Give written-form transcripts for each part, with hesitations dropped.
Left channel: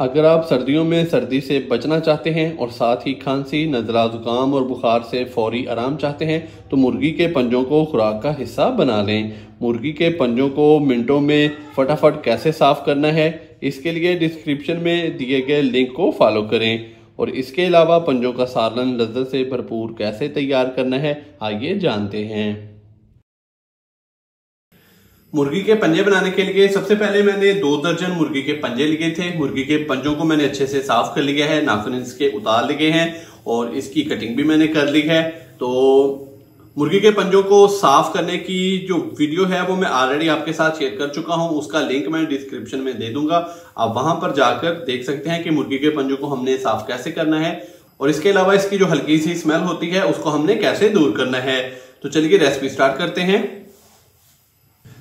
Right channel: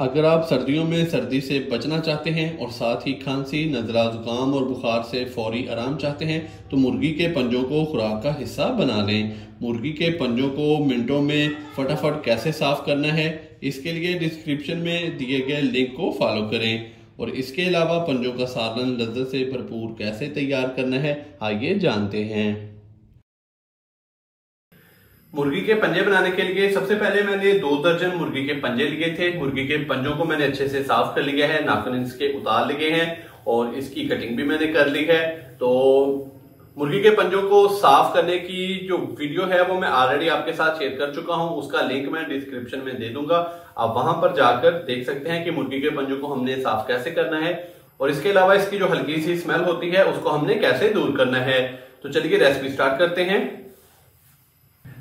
अगर आप सर्दियों में सर्दी से बचना चाहते हैं और साथ ही खांसी, नज़ला, जुकाम और बुखार से फौरी आराम चाहते हैं तो मुर्गी के पंजों को खुराक का हिस्सा बना लें। मुर्गी के पंजों को मिनटों में फटाफट कैसे साफ करना है, इसके लिए डिस्क्रिप्शन में दिए गए लिंक को फॉलो करें। और इसके अलावा पंजों का सालन लज्जत से भरपूर कैसे तैयार करना है, आइए जानते हैं। मुर्गी के पंजे बनाने के लिए सबसे पहले मैंने 2 दर्जन मुर्गी के पंजे लिए थे। मुर्गी के पंजों को मैंने अच्छे से साफ कर लिया है, नाखून इसके उतार लिए हैं और इसकी कटिंग भी मैंने कर ली है। तो मुर्गी के पंजों को साफ करने की जो वीडियो है वो मैं ऑलरेडी आपके साथ शेयर कर चुका हूं, उसका लिंक मैं डिस्क्रिप्शन में दे दूंगा। आप वहां पर जाकर देख सकते हैं कि मुर्गी के पंजों को हमने साफ कैसे करना है और इसके अलावा इसकी जो हल्की सी स्मेल होती है उसको हमने कैसे दूर करना है। तो चलिए रेसिपी स्टार्ट करते हैं।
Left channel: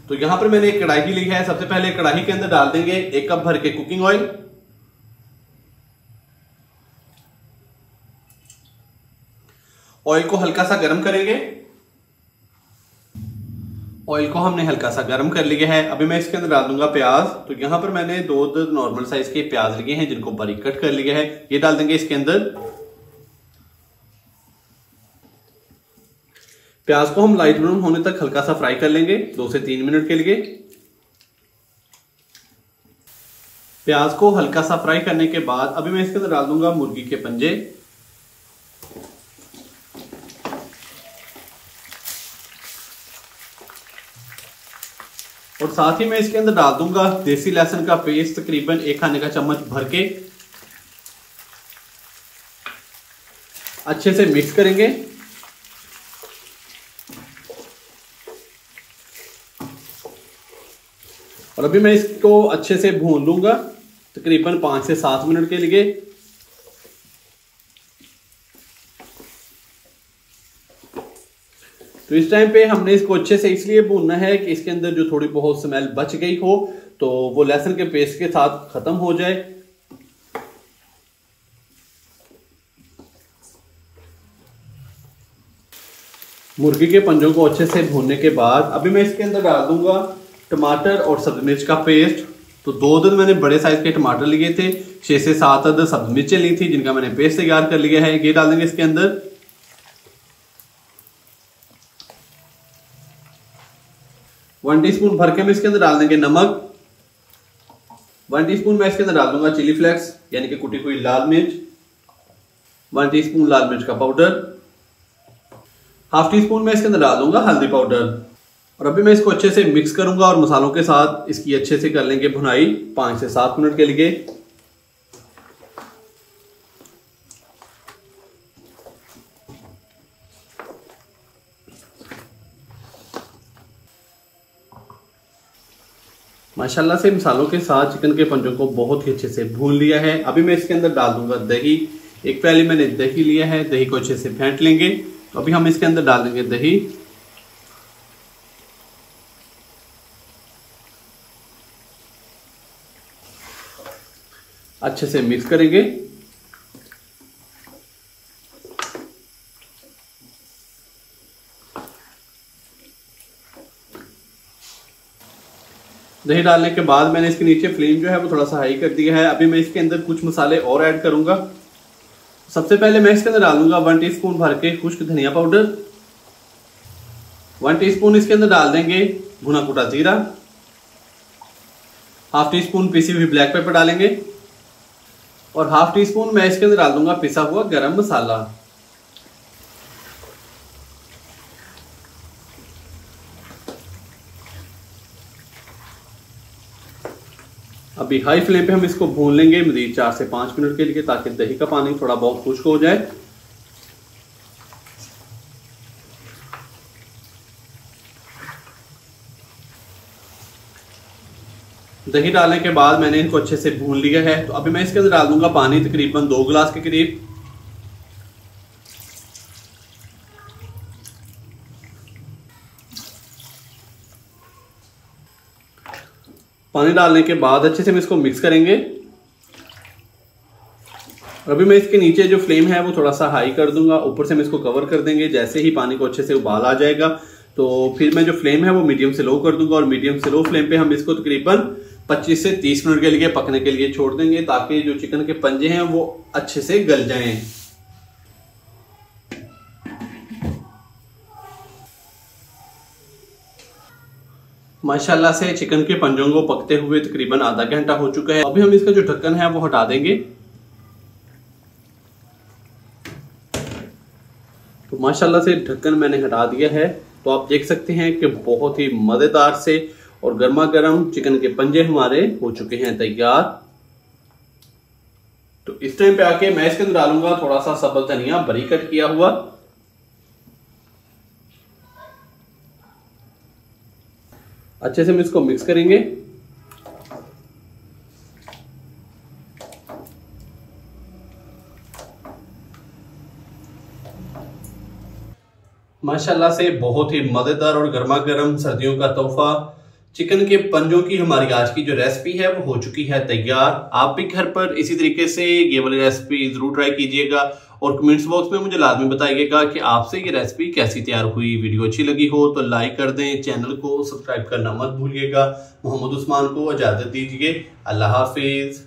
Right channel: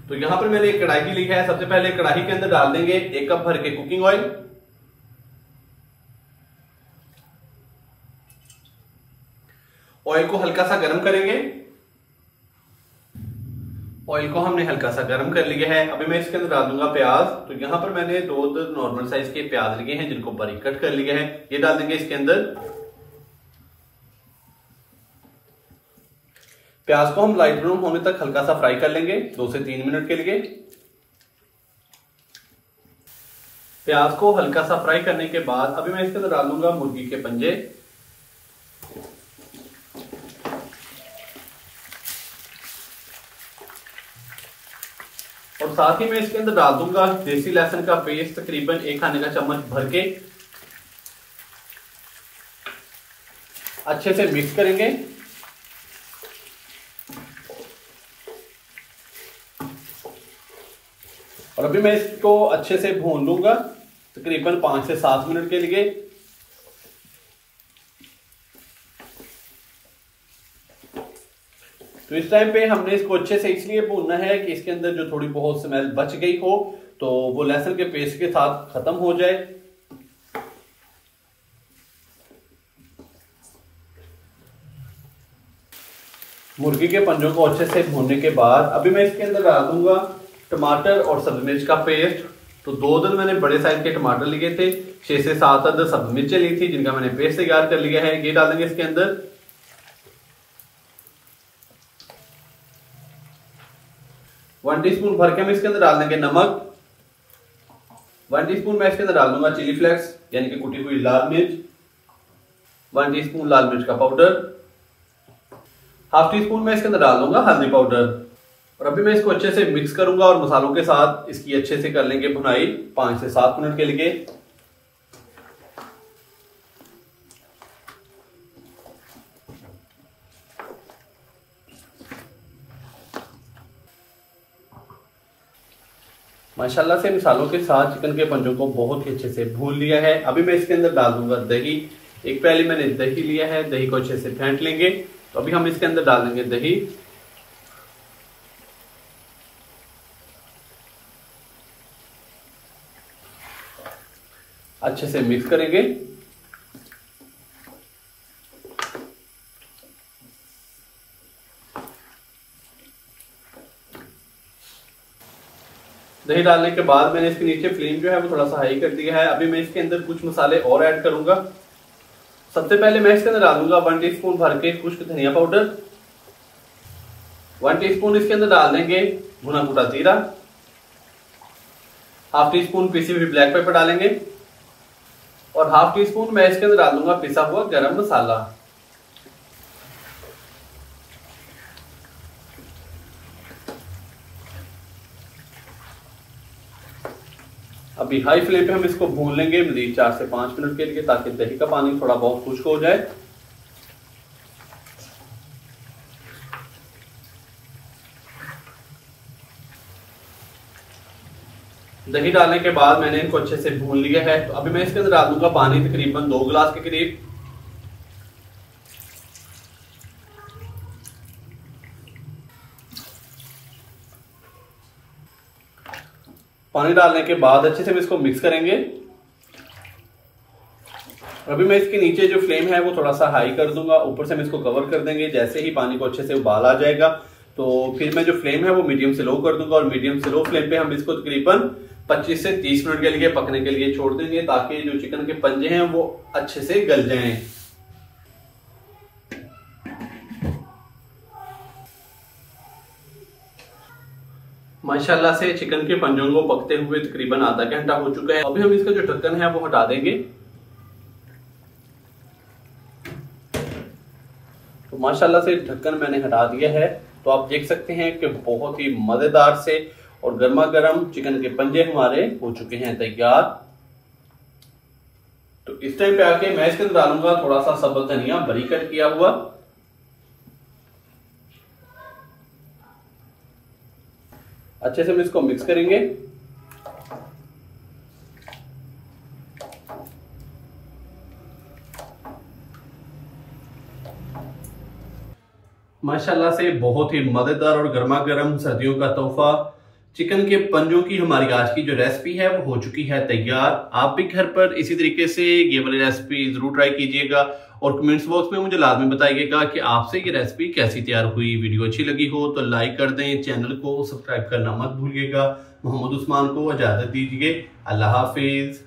तो यहां पर मैंने एक कढ़ाई ली है। सबसे पहले कढ़ाई के अंदर डाल देंगे 1 कप भर के कुकिंग ऑयल। ऑयल को हल्का सा गर्म करेंगे। ऑयल को हमने हल्का सा गर्म कर लिया है। अभी मैं इसके अंदर डाल दूंगा प्याज। तो यहां पर मैंने 2 नॉर्मल साइज के प्याज लिए हैं जिनको बारीक कट कर लिया है, ये डाल देंगे इसके अंदर। प्याज को हम लाइट ब्राउन होने तक हल्का सा फ्राई कर लेंगे 2 से 3 मिनट के लिए। प्याज को हल्का सा फ्राई करने के बाद अभी मैं इसके अंदर डाल दूंगा मुर्गी के पंजे। और साथ ही मैं इसके अंदर डाल दूंगा देसी लहसुन का पेस्ट, तकरीबन 1 खाने का चम्मच भर के। अच्छे से मिक्स करेंगे। और अभी मैं इसको अच्छे से भून लूंगा तकरीबन 5 से 7 मिनट के लिए। तो इस टाइम पे हमने इसको अच्छे से इसलिए भूनना है कि इसके अंदर जो थोड़ी बहुत स्मेल बच गई हो तो वो लहसुन के पेस्ट के साथ खत्म हो जाए। मुर्गी के पंजों को अच्छे से भूनने के बाद अभी मैं इसके अंदर डाल दूंगा टमाटर और सब्जी मिर्च का पेस्ट। तो 2 अदद मैंने बड़े साइज के टमाटर लिए थे, 6 से 7 अदद सब्जी मिर्चें ली थी जिनका मैंने पेस्ट तैयार कर लिया है, ये डाल देंगे इसके अंदर। 1 टीस्पून भर के हम इसके अंदर डाल देंगे नमक। 1 टीस्पून मैं इसके अंदर डाल दूंगा चिली फ्लेक्स यानी कि कुटी हुई लाल मिर्च। 1 टीस्पून लाल मिर्च का पाउडर। ½ टीस्पून मैं इसके अंदर डाल दूंगा हल्दी पाउडर। और अभी मैं इसको अच्छे से मिक्स करूंगा और मसालों के साथ इसकी अच्छे से कर लेंगे भुनाई 5 से 7 मिनट के लिए। माशाल्लाह से मसालों के साथ चिकन के पंजों को बहुत ही अच्छे से भून लिया है। अभी मैं इसके अंदर डाल दूंगा दही। एक प्याली मैंने दही लिया है, दही को अच्छे से फेंट लेंगे। तो अभी हम इसके अंदर डाल देंगे दही। अच्छे से मिक्स करेंगे। दही डालने के बाद मैंने इसके नीचे फ्लेम जो है वो थोड़ा सा हाई कर दिया है। अभी मैं इसके अंदर कुछ मसाले और ऐड करूंगा। सबसे पहले मैं इसके अंदर डालूंगा 1 टीस्पून भर के खुश्क धनिया पाउडर। 1 टीस्पून इसके अंदर डाल देंगे भुना कुटा जीरा। ½ टीस्पून पिसी हुई ब्लैक पेपर डालेंगे और ½ टीस्पून मैं इसके अंदर डाल दूंगा पिसा हुआ गरम मसाला। अभी हाई फ्लेम पे हम इसको भून लेंगे मजीद 4 से 5 मिनट के लिए ताकि दही का पानी थोड़ा बहुत खुश्क हो जाए। दही डालने के बाद मैंने इनको अच्छे से भून लिया है। तो अभी मैं इसके अंदर डाल दूंगा पानी तकरीबन 2 गिलास के करीब। पानी डालने के बाद अच्छे से हम इसको मिक्स करेंगे। और अभी मैं इसके नीचे जो फ्लेम है वो थोड़ा सा हाई कर दूंगा, ऊपर से हम इसको कवर कर देंगे। जैसे ही पानी को अच्छे से उबाल आ जाएगा तो फिर मैं जो फ्लेम है वो मीडियम से लो कर दूंगा और मीडियम से लो फ्लेम पे हम इसको तकरीबन 25 से 30 मिनट के लिए पकने के लिए छोड़ देंगे, ताकि जो चिकन के पंजे हैं वो अच्छे से गल जाएं। माशाल्लाह से चिकन के पंजों को पकते हुए तकरीबन आधा घंटा हो चुका है। अभी हम इसका जो ढक्कन है वो हटा देंगे। तो माशाल्लाह से ढक्कन मैंने हटा दिया है। तो आप देख सकते हैं कि बहुत ही मजेदार से और गर्मा गर्म चिकन के पंजे हमारे हो चुके हैं तैयार। तो इस टाइम पे आके मैं इसके अंदर डालूंगा थोड़ा सा सब्ज धनिया बारीक कट किया हुआ, अच्छे से हम इसको मिक्स करेंगे। माशाल्लाह से बहुत ही मजेदार और गर्मा गर्म सर्दियों का तोहफा चिकन के पंजों की हमारी आज की जो रेसिपी है वो हो चुकी है तैयार। आप भी घर पर इसी तरीके से ये वाली रेसिपी जरूर ट्राई कीजिएगा और कमेंट्स बॉक्स में मुझे लाजमी बताइएगा कि आपसे ये रेसिपी कैसी तैयार हुई। वीडियो अच्छी लगी हो तो लाइक कर दें, चैनल को सब्सक्राइब करना मत भूलिएगा। मोहम्मद उस्मान को इजाजत दीजिए। अल्लाह हाफिज।